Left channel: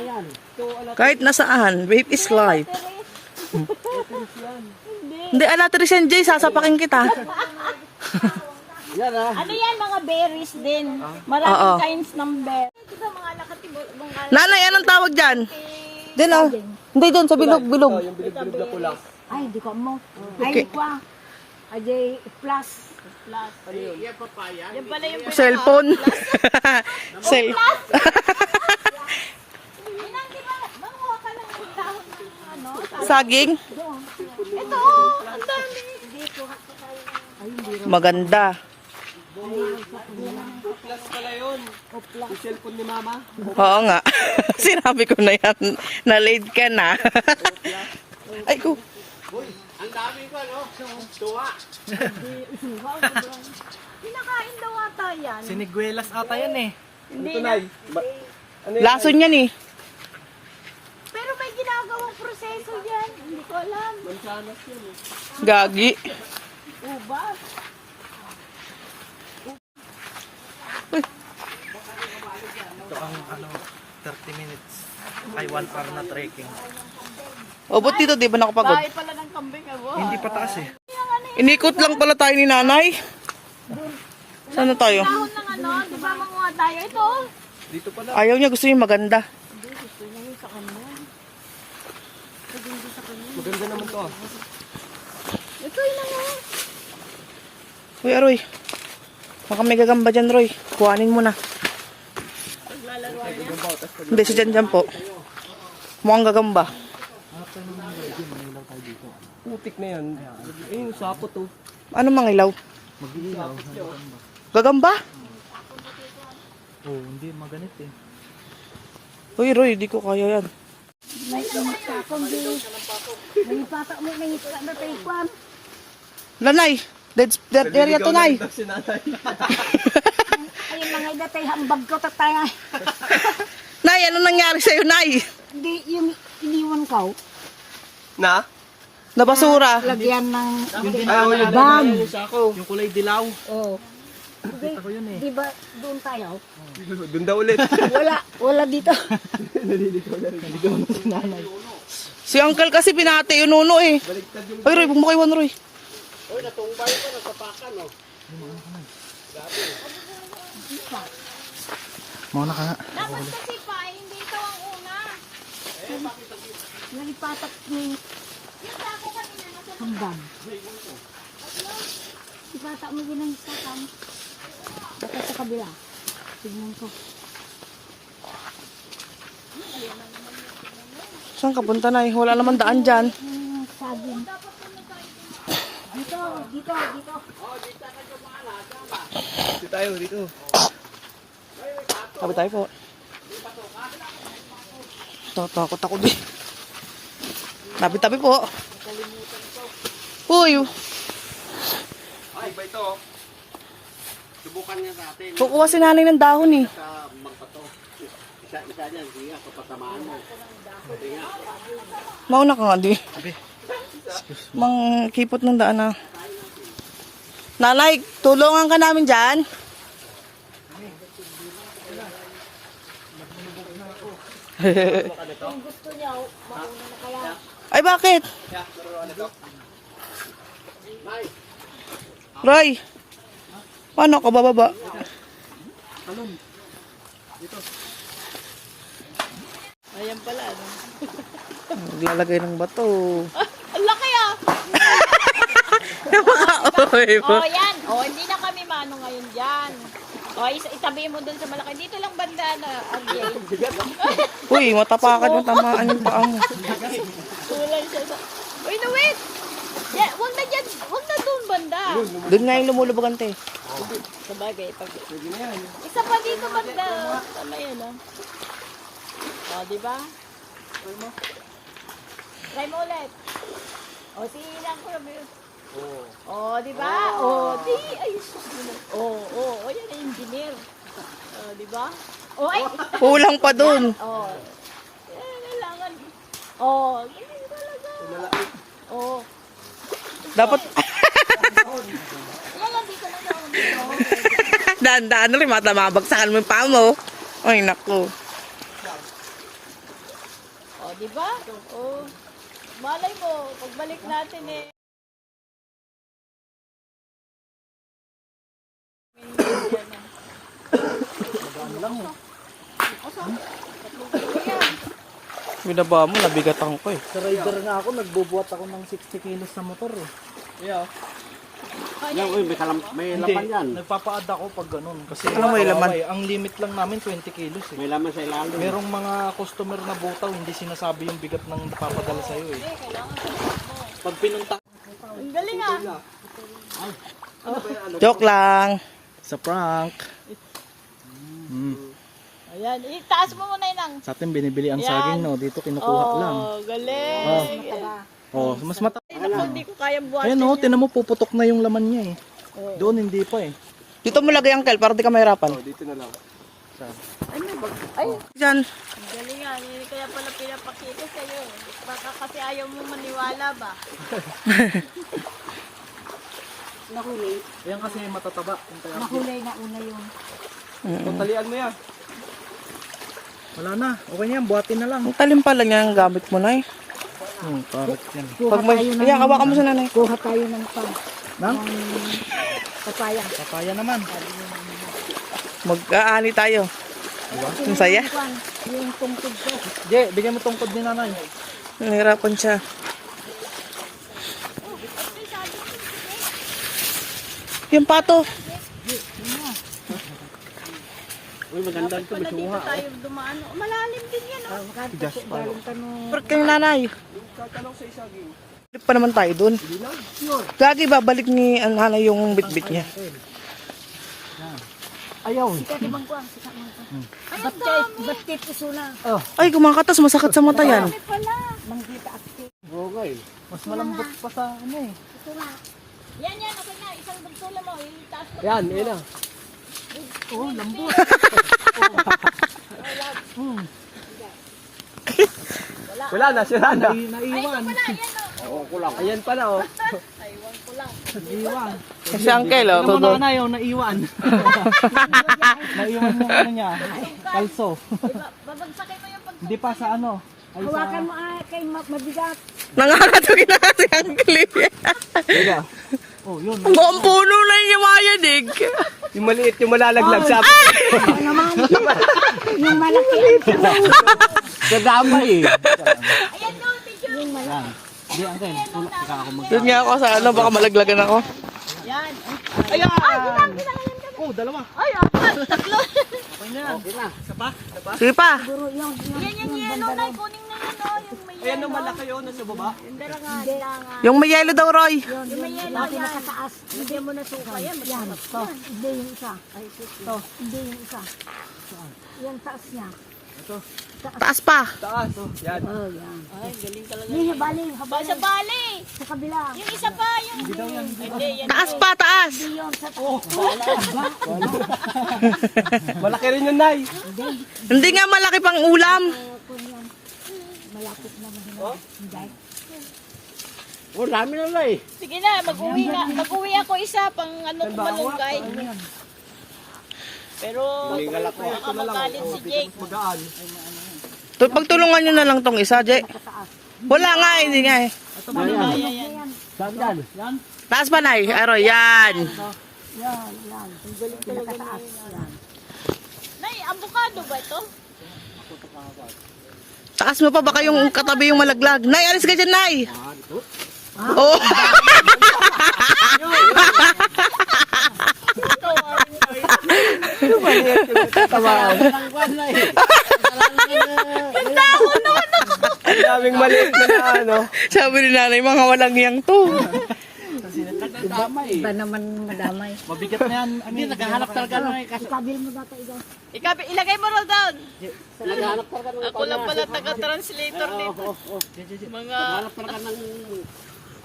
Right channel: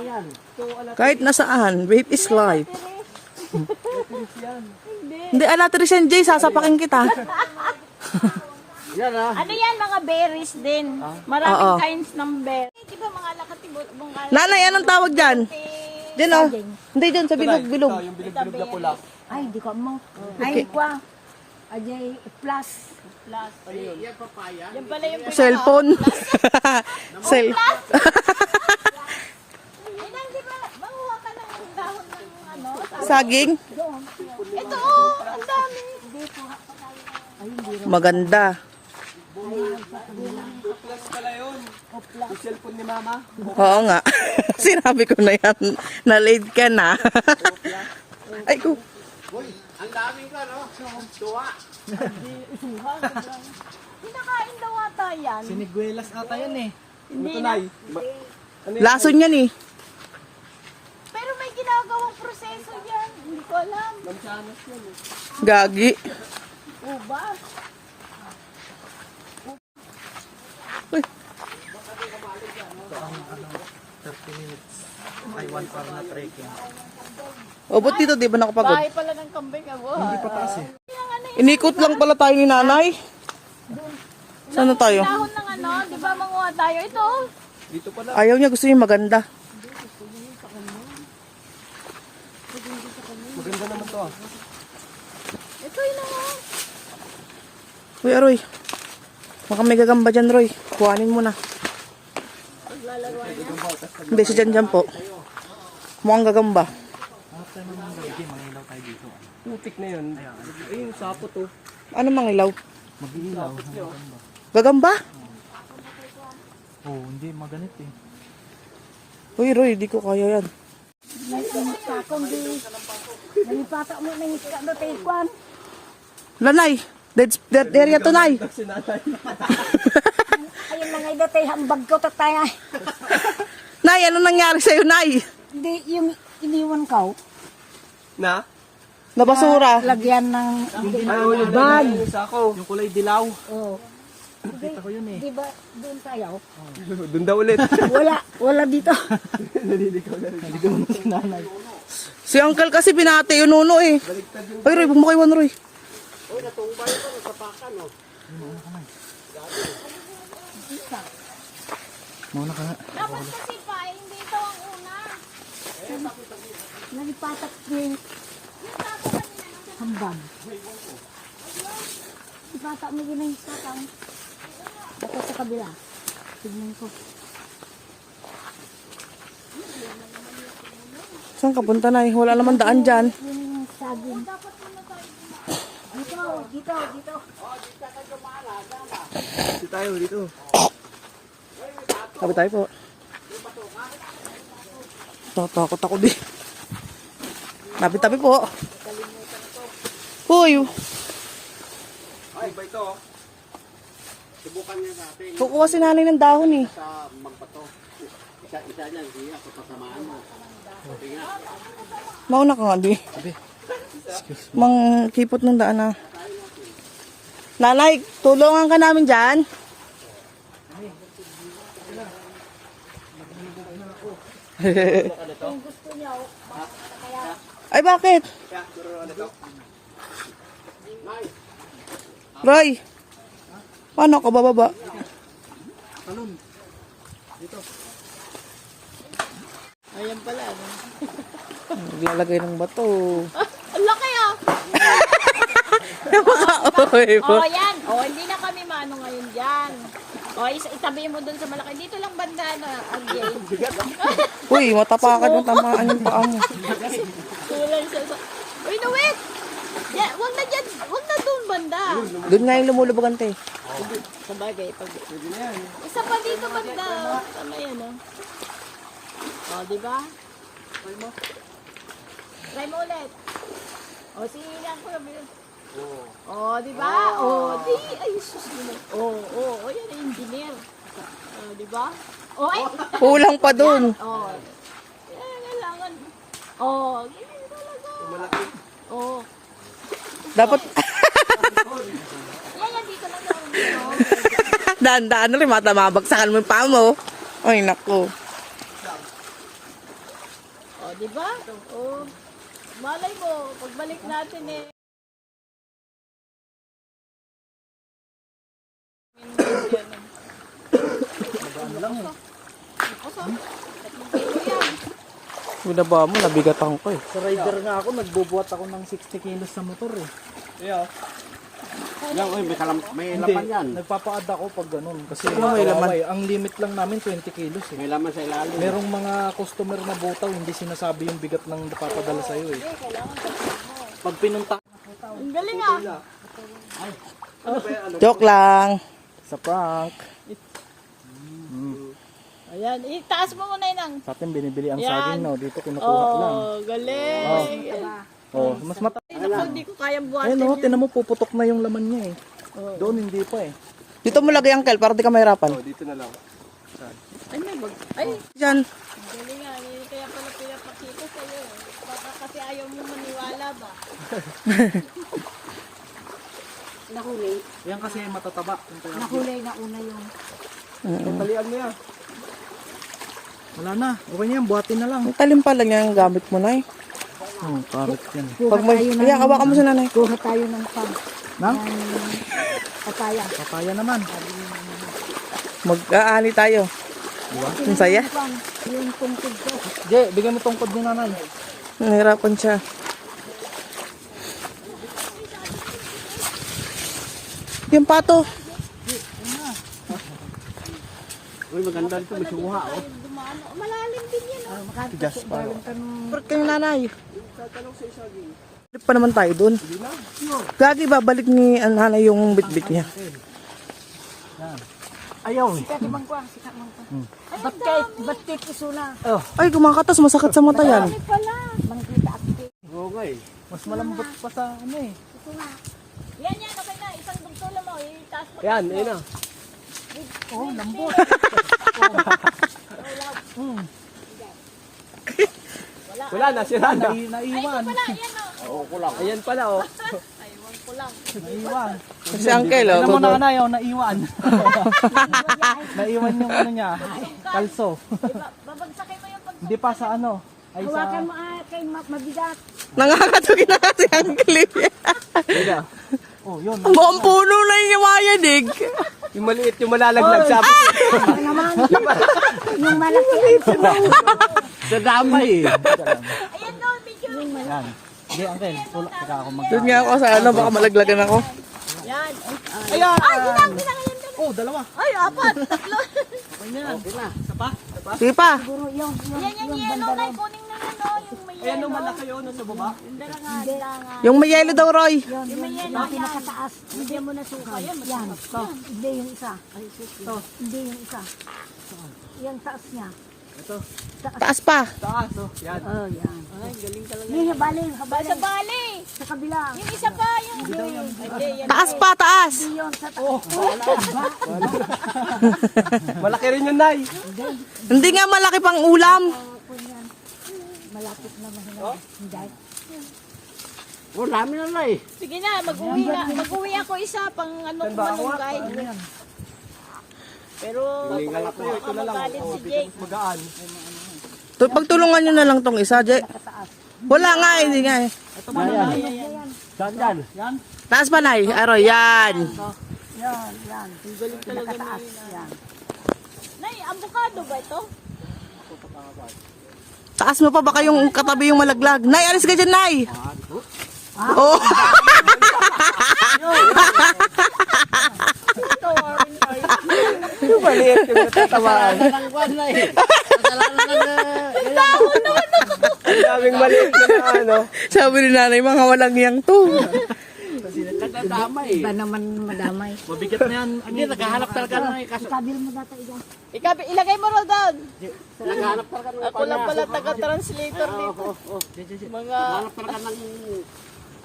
yan. Kahit nasaan, vape is life. Hindi. Hindi, ala, Trishan J, sasapakin kita. Yan ah. Ano yan, mga berries din. Maraming Oo. kinds ng berries. Nanay, anong tawag dyan? Din oh. Hindi dyan, sa bilog, bilog. Ay, hindi ko mo. Ay, hindi ko. ah. Ajay, plus. Plus. Yan pala yung Cellphone. Cell. Inang, di ba? Manguha ka ng dahon ng ano? Saging. Ito, oh, ang dami. Maganda. Plus pala yun. Yung cellphone ni mama. Oo nga. Sinabi ko na yan. Na-late ka na. Ay ko. Ang daming ka, no? Tuwa. Pinakain daw ata yan. Siniguelas ata yan eh. Hindi na. Ano? Lason yan eh. Pero may ginagawang proseso yan. Hindi ko alam. Mansanas yan eh. Gagi. Uba. Ito ang ano, 30 minutes. Ay, 1 hour na trekking. O, ba't dito di ba nakapagod? Bahay pala ng kambing ako. Hindi pa taas eh. Inikot lang pala tayo ni nanay. Saan na tayo? Dahon ng ano, di ba manguha tayo? Ito. Dito pala. Ayaw niya, gusto niya maganda. Maganda naman to ah. Ito yun. Uy, Aroy. Baka may gagamba dyan, Roy. Kuhanin mo na. Hindi, si Jan Jan po. Mukhang gagamba. Putik na yun. Ayun, sapot oh. Ano mangilaw? Gagamba? Oh, hindi maganit eh. Uy, Roy, di ko kaya yan. May init ka akong di. May pata mo, may init ka na tayo kwan. Lanay, dead, dead area to, Nay. Ayun mga ida tayo, hambag ko tataya. Nay, ano nangyari sa'yo, Nay? Hindi, yung iniwan ko, Na? Nabasura. lagyan ng... Ay, wala na yung kulay dilaw. Oh. Nakita ko yun eh. Di ba doon tayo? Doon daw ulit. Wala, wala dito. Nalilikaw na rin. Si Uncle kasi pinati yung nuno eh. Uy, Roy, huwag mo kaiwan, Roy. Mauna ka nga. Dapat kasi pa, hindi ito ang una. Nalipatak ni hambag. Ipata mo din ang isakang. Baka sa kabila. Tignan ko. Saan ka punta, Nay? Wala naman daan dyan. Dito, dito, dito. Dito tayo, dito. Tabi tayo po. Tatakot ako din. Tabi-tabi po. Uy, Ay, ba ito? Subukan niya natin kukuha si nanay ng dahon eh. sa magpato. Isa-isa niyan, hindi ako pasamaan mo. Mauna ka nga di. Mang kipot ng daan na. Nanay, tulungan ka namin dyan. Ay, bakit? Roy, paano ka bababa? Ayan pala. ano? Naglalagay ng bato. Ang laki ah! Napaka-oy po. Oh, yan. Oh, hindi na kami mano ngayon dyan. Oh, isa itabi mo dun sa malaki. Dito lang banda na. Okay. Uy, matapakan mo, tamaan yung paa mo. Kulang siya sa... Uy, no, wait! Yeah, wag na dyan. Wag na dun banda. Doon nga yung lumulubog ante. Sabagay. Pag... Isa pa dito banda. Ano yun, oh? Oh, di ba? Try mo. Try mo ulit. Oh, sige lang ko. Oh, di ba? Oh, di. Ay, sus. Oh, oh, oh, yan ang engineer. Oh, di ba? Oh, ay. Kulang pa doon. Oh. Yan, kailangan. Oh, ganyan talaga. Oh. Dapat, Yan, yan, dito lang yung daan-daan na rin, matamabagsakan mo yung paa mo. Ay, naku. Di ba? O, malay mo, pagbalik natin eh. Binaba mo, nabigatan ko eh. Sa rider nga ako, nagbubuhat ako ng 60 kilos sa motor eh. Yeah. Yan, eh, may, kalam, may Hindi, laman yan. nagpapa-add ako pag ganun. Kasi Ano may laman? eh. Ang limit lang namin 20 kilos eh. May laman sa ilalim. Merong mga customer na butaw, hindi sinasabi yung bigat ng napapadala sa'yo eh. Pag pinunta Ang galing ah. Joke lang. sa prank, Ayan, itaas mo muna yun. sa atin binibili ang Yan. saging no, dito kinukuha lang. Oh, galing. Oh, mas mata. Ay, naku, hindi ko kayang buhatin Ayun oh, tinan mo puputok na yung laman niya eh. Doon hindi pa eh. Dito mo lagay, Uncle, para di ka mahirapan. Dito na lang. Ay, may bag. Ay, Diyan. ang galing nga. eh, Kaya pala pinapakita sa'yo. Baka kasi ayaw mo maniwala ba? Nahuli. Yan kasi matataba. Yung tawag. Nahuli na una yung Talian mo yan. Wala na. Okay na yan, buhatin na lang. Ang talim pa lang yan ang gamit mo na eh. Oh, karit yan. Pag may... Ayan, hawakan mo sa nanay. kuha tayo ng pan. Na? Papaya. Papaya naman. Mag-aani tayo. Ang saya. Yung tungkod ko. Je, bigyan mo tungkod ni nanay. Nahirapan siya. Yung pato. Uy, maganda ito. Pala dito tayo dumaan. Oh, Malalim din yan. Oh. Pero kayo nanay. Balik pa naman tayo dun. Gagi, babalik ni ang nanay yung bitbit niya. Ayaw. Sikat ibang kuha. Sikat ibang kuha. Ba't kay, ba't kay isuna? Ay, kumakatas. Masakit sa mata yan. Oo nga eh. Mas malambot pa sa ano eh. Yan, yan. Okay na. Isang bugtula mo. Itaas mo. Yan, ayun na. Oh, lambot. Wala na, sira na. Nai- naiwan. Oo, kulang. Ayan pala, oh. Naiwan. Kasi Uncle, oh, Ano todo. na oh, naiwan. naiwan yung ano niya. Kalso. Babagsakin mo yung pag... Hindi pa sa ano. Ay sa... Hawakan mo ah, kay ma- mabigat. Nakakatugin na kasi Uncle. Wala. Oh, yun. Ang buong puno na yung yumayanig. Yung maliit, yung malalaglag sabi. Ano naman? yung malaki ang Sa dama eh. Ayan daw, picture. Yan. Hindi, uncle. Tula. Saka ako mag... Doon nga ako sa ano, baka malaglagan ako. Yan. Ayan! Ay, ginang, ginang, yan. Oh, dalawa. Ay, apat. Tatlo. Sige pa. Siguro yung, yung, Yan, yan, yung yan. banda Ay, ron. kuning na yan. oh, Yung may Ayan ang malaki yun, nasa baba. Yung dalawa, dalawa. Yung may yellow daw, Roy. Yung, yung, yung pinakataas. Hindi mo nasukan. Yan. To. Hindi yung isa. To. Hindi yung isa. Yung taas niya. Taas pa. Taas, oh. Yan. Oh, yan. Ay, galing talaga. Hindi, habalin, Ba, habalin. sa bali. Sa kabila. Yung isa pa, yung... Hindi, yan. Taas pa, taas. Hindi yun sa taas. Malaki rin yun, Nay. Hindi nga malaki pang ulam. Malapit na mahina. Hindi. Oh, dami na, Nay. Sige na, mag-uwi na. Mag-uwi ako isa pang ano ko malunggay. Pero, baka magalit si Jake. Magaan. Tu- Pagtulungan nyo na lang tong isa, Jay. Wala nga, eh, hindi nga eh. Saan yan? Taas pa, Nay. Aroy, yan. Yan, yan. Pinakataas. Yan. Nay, avocado ba ito? Taas mo pa, baka yung katabi yung malaglag. Nay, alis ka dyan, Nay. Oh. Maliit yung tatamaan. Ang daming maliit na na, ano. Sabi ni nanay, mga walang yang to. Iba naman madamay. Mabigat na yan. Hindi, naghahanap talaga ng Ikabil mo data ikaw. Ikaw, ilagay mo raw doon. Naghanap talaga ng Ako lang pala taga-translator dito. Mga... Naghanap talaga ng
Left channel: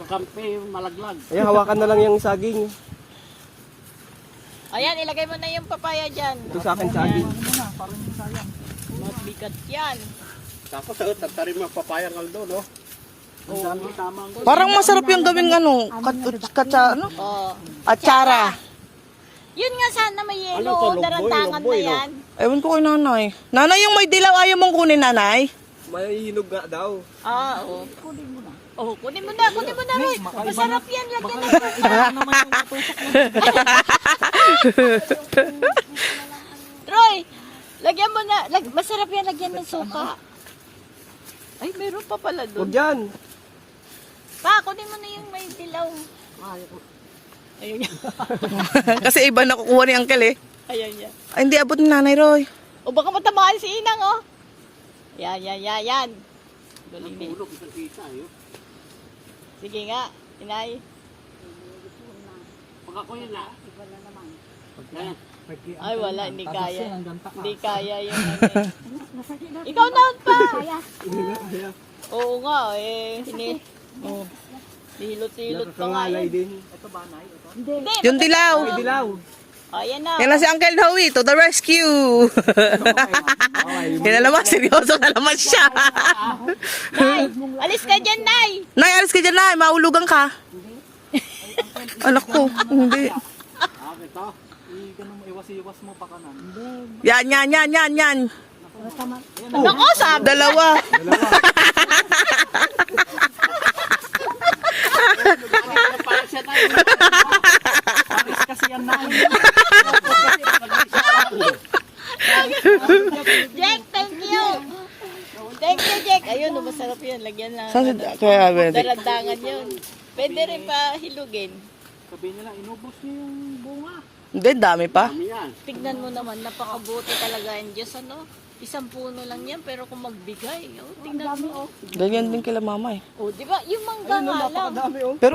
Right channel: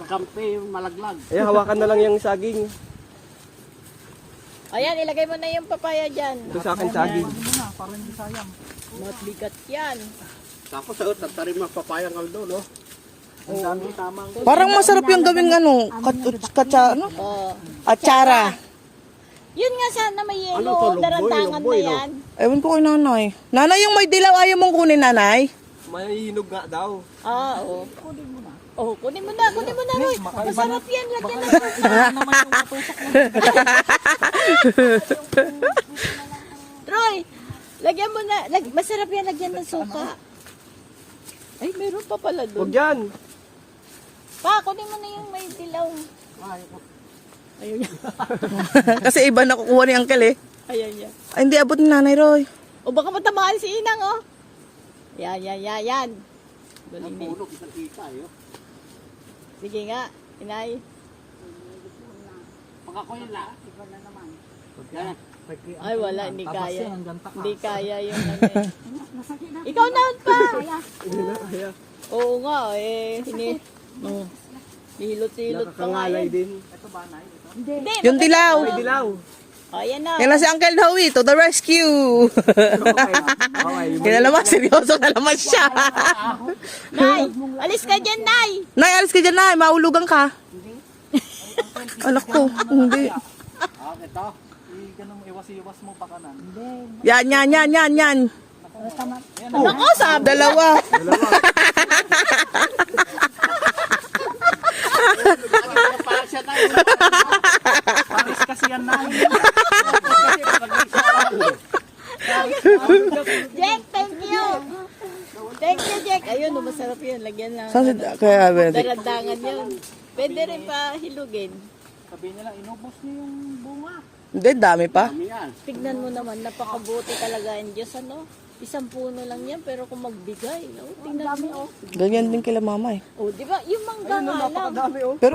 kakampi, malaglag. Eh, hawakan na lang yung saging. Ayan, ilagay mo na yung papaya dyan. Ito sa akin saging. muna, para hindi sayang. Mabigat yan. Tapos, oh, tatarin mga papayang kaldo, no? Ang dami tamang. Parang masarap yung gawing ano, kat, katsa, ano? Oh. Atsara. Yun nga sana may Ano yelo, longboy, darantangan na no? yan. Ewan ko kay nanay. Nanay, yung may dilaw ayaw mong kunin, nanay? May hinog nga daw. Ah, oo. Kunin mo na. Oh, kunin mo na, kunin mo na, Roy. Masarap yan, lagyan na. naman yung matutok mo. Roy, lagyan mo na. Lag, masarap yan, lagyan ng suka. Ay, meron pa pala Huwag doon. dyan. Pa, kunin mo na yung may dilaw. Ayun yan. Kasi iba nakukuha ni Uncle eh. Ayan yan. Ay, hindi abot ni Nanay Roy. O baka matamaan si Inang, oh. Yan, yan, yan, yan. Galing ni. Sige nga, inay. Ay, wala, hindi kaya. Hindi kaya yung ano. Ikaw na pa. Oo nga, eh. Hini. Oh. Hilot-hilot pa nga Nakakangalay yan. din. Hindi. Yung dilaw. Dilaw. Ayan na. Yan na si Uncle Howie to the rescue. Yan na naman, seryoso na naman siya. Nay, alis ka dyan, Nay. Nay, alis ka dyan, Nay. Maulugan ka. Anak ko, hindi. Yan, yan, yan, yan, yan. Ako, sabi. Dalawa. Kasi yan na. Jack, thank you. Thank you, Jack. Ayun, oh, masarap yan. Lagyan na. Saan si, kaya, Benedict? Darandangan yun. Pwede rin pa hilugin. Sabi nila, inubos niyo yung bunga. Hindi, dami pa. Tignan mo naman, napakabuti talaga ang Diyos, ano? Isang puno lang yan, pero kung magbigay, oh, tingnan mo, oh. Ganyan din kila mama eh. Oh, di ba? Yung mangga nga lang. Napakadami oh. Pero,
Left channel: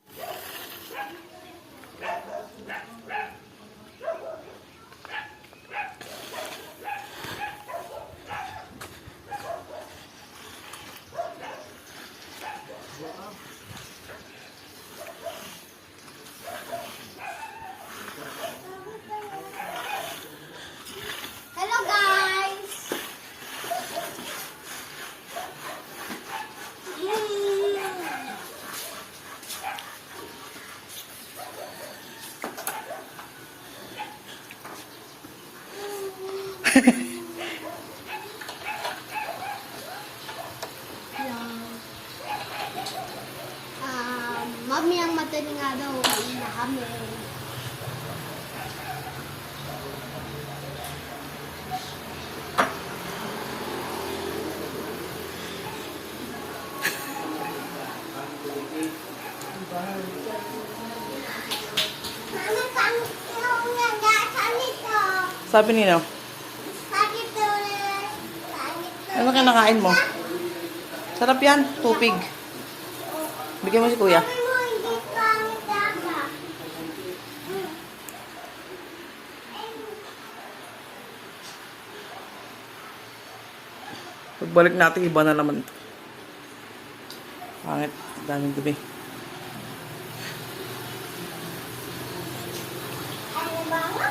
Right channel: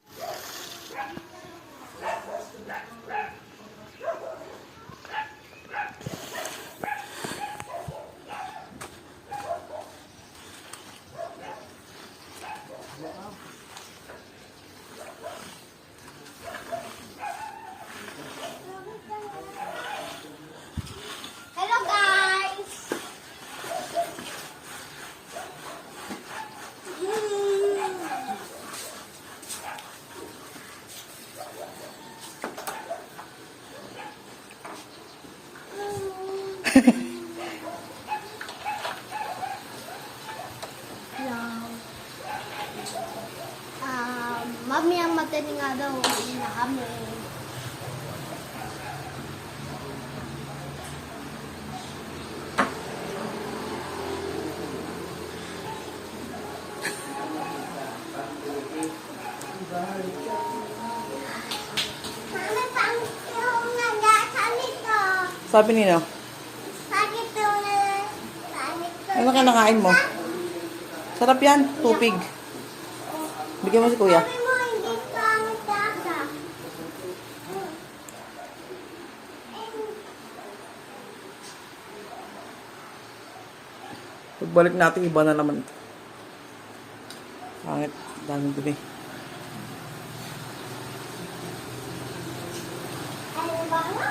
Sabi nino, Sakit ano ka nakain mo? Sarap yan, tupig. Bigyan mo si kuya. Pagbalik natin, iba na naman ito. Pangit, daming dumi. Ano ba nga?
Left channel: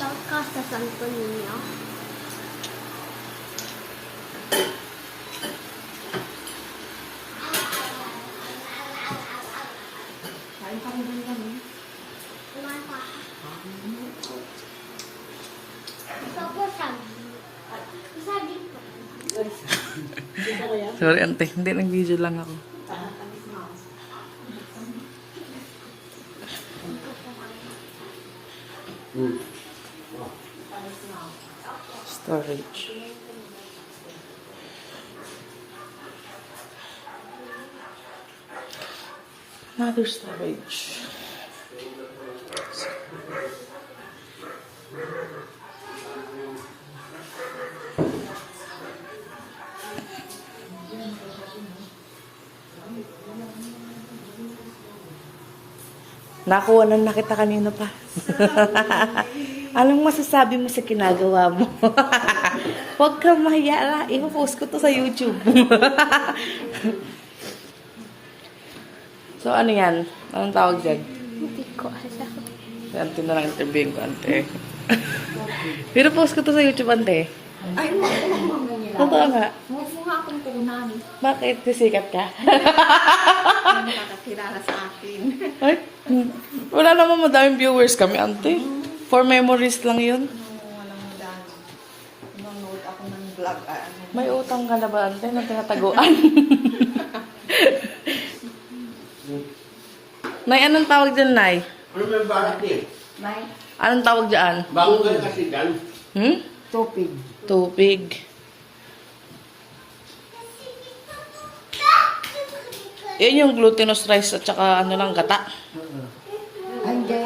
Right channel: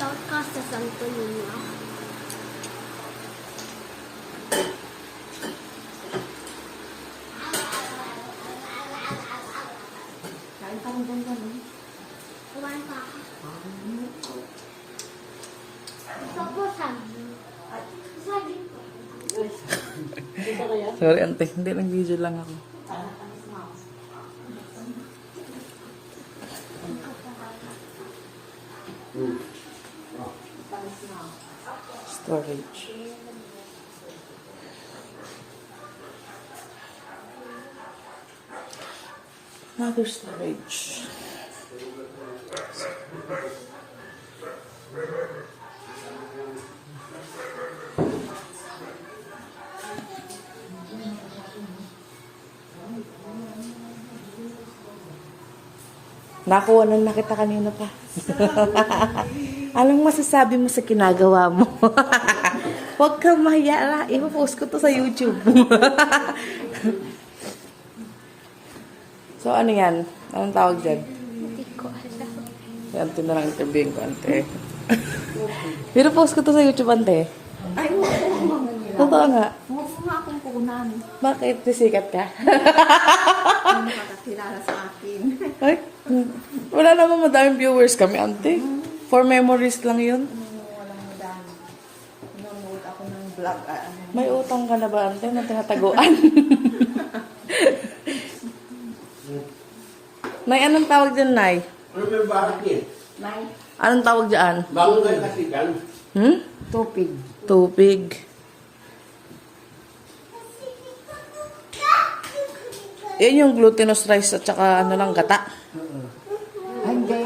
Takot ka sa santo ninyo. Kumain pa. Gusto ko saging. Saging pa. Sorry, ante. Hindi, nag-video lang ako. Storage. Another storage. Nakuha na na kita kanina pa. Anong masasabi mo sa kinagawa mo? Huwag kang mahiya. Ipo-post ko to sa YouTube. So, ano yan? Anong tawag dyan? Yan, ito na lang interviewin ko, ante. Pero post ko to sa YouTube, ante. Ay. Totoo nga. Huwag mo nga akong punan. Bakit? Sisikat ka? Nakakilala sa akin. Ay, wala naman madaming viewers kami, ante. For memories lang yun. Walang dami. Nanonood ako ng vlog. ah, ano. May utang ka na ba, ante, na tinataguan? Nay, anong tawag dyan, Nay? Ano ba yung bahat niya? May Anong tawag dyan? Bangon ka kasi dyan. Hmm? tupig. Tubig. Yan yung glutinous rice at saka ano lang, gata. Ay, hindi.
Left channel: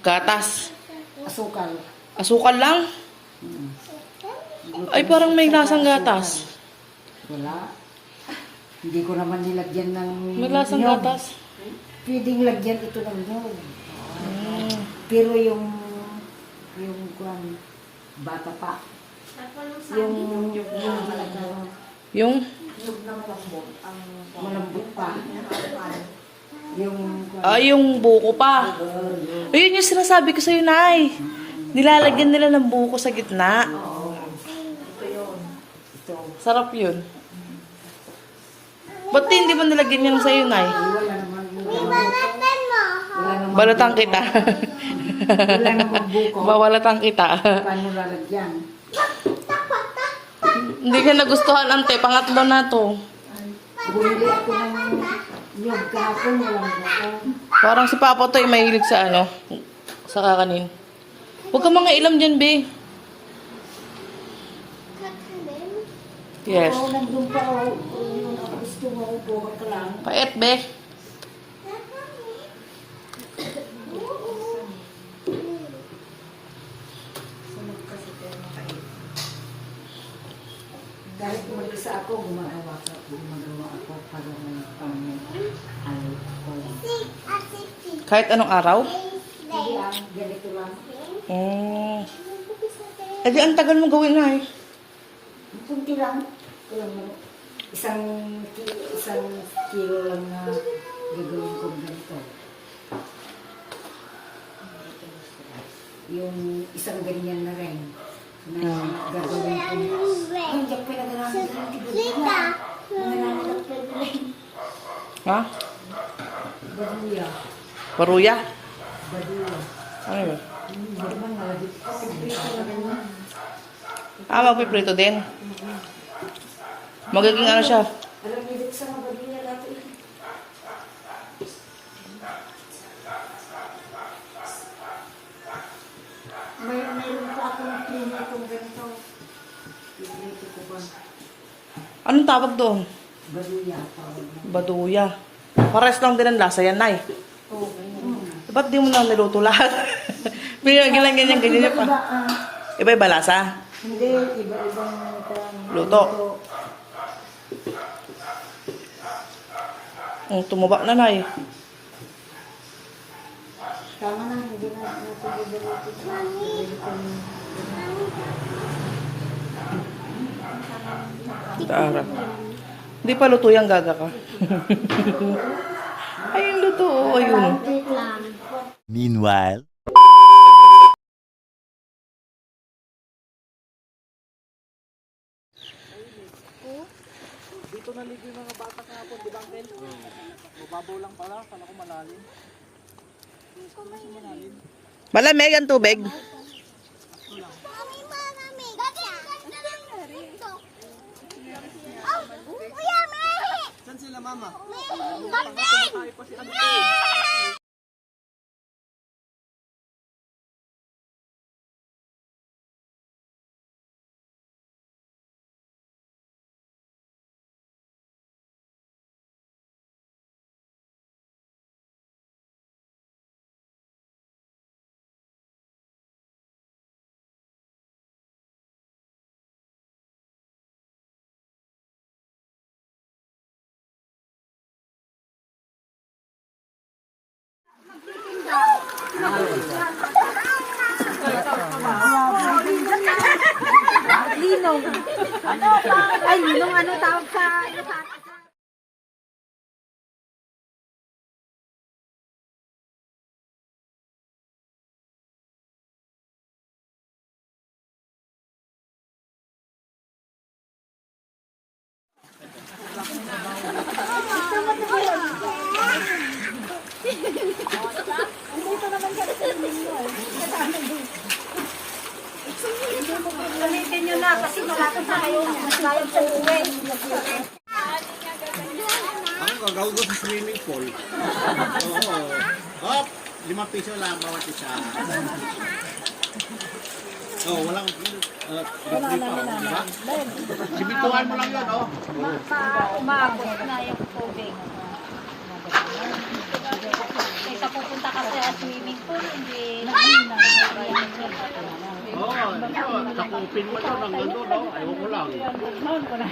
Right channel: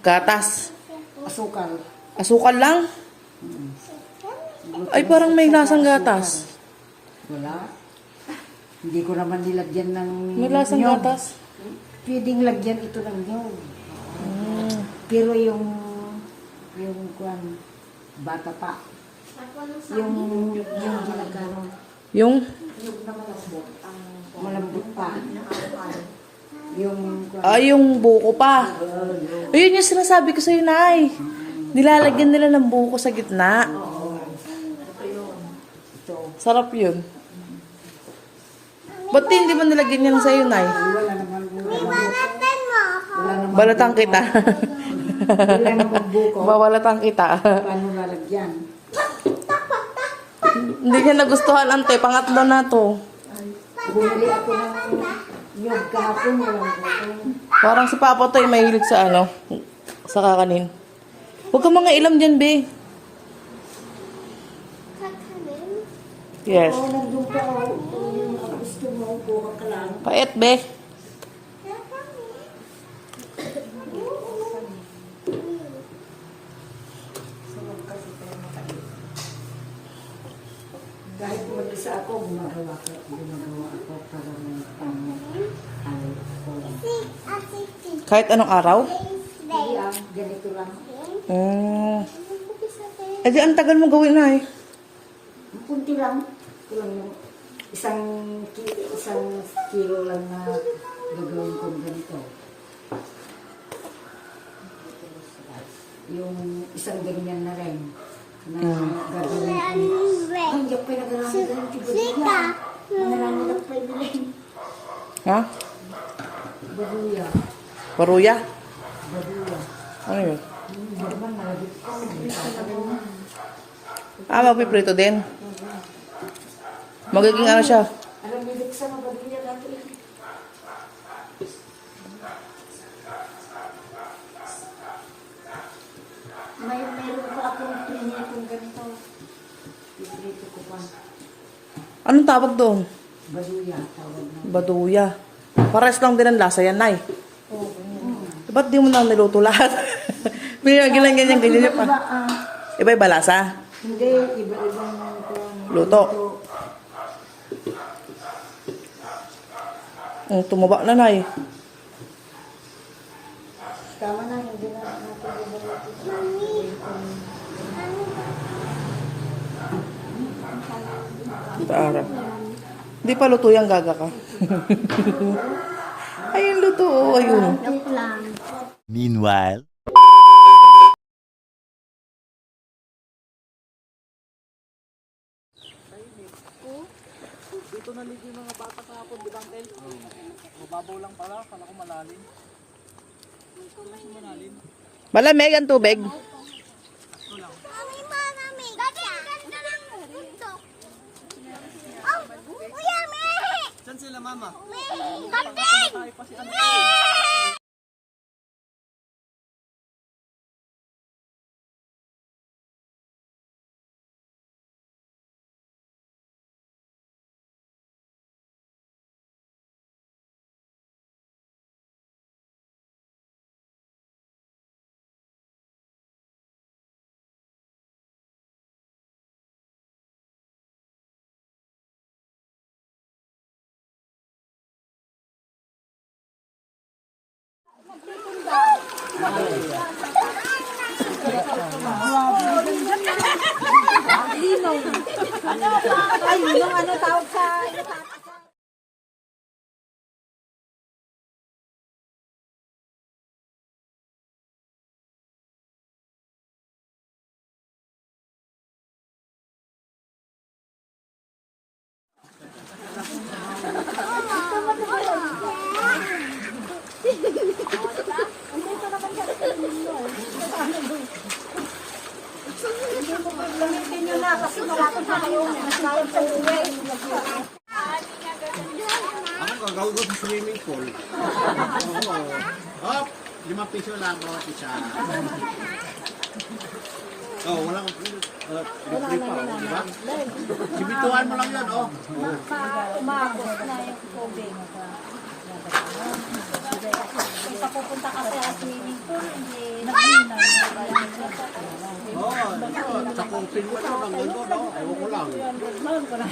Gatas. Asukal. Asukal lang. Ay, parang may lasang gatas. Wala. Hindi ko naman nilagyan ng May lasang nyog. gatas. Pwedeng lagyan ito ng nyog. Mm. Pero yung yung kwan bata pa. Yung yung talagang Yung, malambot pa. Yung ah, yung buko pa. Ayun yung sinasabi ko sa'yo, Nay. Nilalagyan nila ng buko sa gitna. Sarap yun. Ba't hindi mo nilagyan yan sa'yo, Nay? Wala kita. wala buko. Kita. Paano lalagyan? Hindi ka nagustuhan, ante. Pangatlo na to. Bumili ako ng nyog kahapon walang buko. Parang si Papa to ay mahilig sa ano, sa kakanin. Huwag ka mga ilam dyan, be. Yes. Oo, nandun pa ako. Yung ako gusto mo, buka ka lang. Pait, be. Kahit mag-isa ako, gumagawa ko, gumagawa ako para may pang ano ko. Kahit anong araw. Hindi ah, ganito lang. Mm. Eh di, ang tagal mo gawin na eh. Kunti lang. Ito lang yung isang, ki- isang kilo lang na gagawin ko ganito. Yung isang ganyan na rin. Na gagawin ko. Ay, hindi ako pinagagamit na. Mangalala lang pwede rin. Ha? Baduya. Baruya? Baduya. Ano? Hindi ko. Ah, magpiprito din. Magiging ano siya. Alam niyo, sa mga baduya lahat eh. May mayroon pa akong printer kung ganito. Pipilito ko pa. Anong tawag doon? Baduya. Baduya. Pares lang din ang lasa yan, Nay. Oo. Ba't di mo na niluto lahat? Pinagyan ganyan, ganyan Iba, pa. ah, Iba-iba lasa. hindi, iba-ibang kung Luto. Mm, tumaba na, Nay. Tama na, hindi na natin iba-ibang. Tara. Hindi pa luto yung gaga ka. Ayun, luto. oh, Ayun. Meanwhile. Malamig ang tubig. Mami, malamig. Dati, ganda lang dito. Oh, kuya, may! Saan sila mama? May! Ganda! Ay, nung ano tawag sa Sa swimming pool. Oo. Hop! Limang piso lang bawat isa. Oh, walang uh, free pa, oh, di ba? Sibituan mo lang yan, oh. Umabot na yung tubig. Kaysa pupunta ka sa swimming pool, hindi Oo, oh, sakupin mo ito ng gano'n, oh. Ko lang.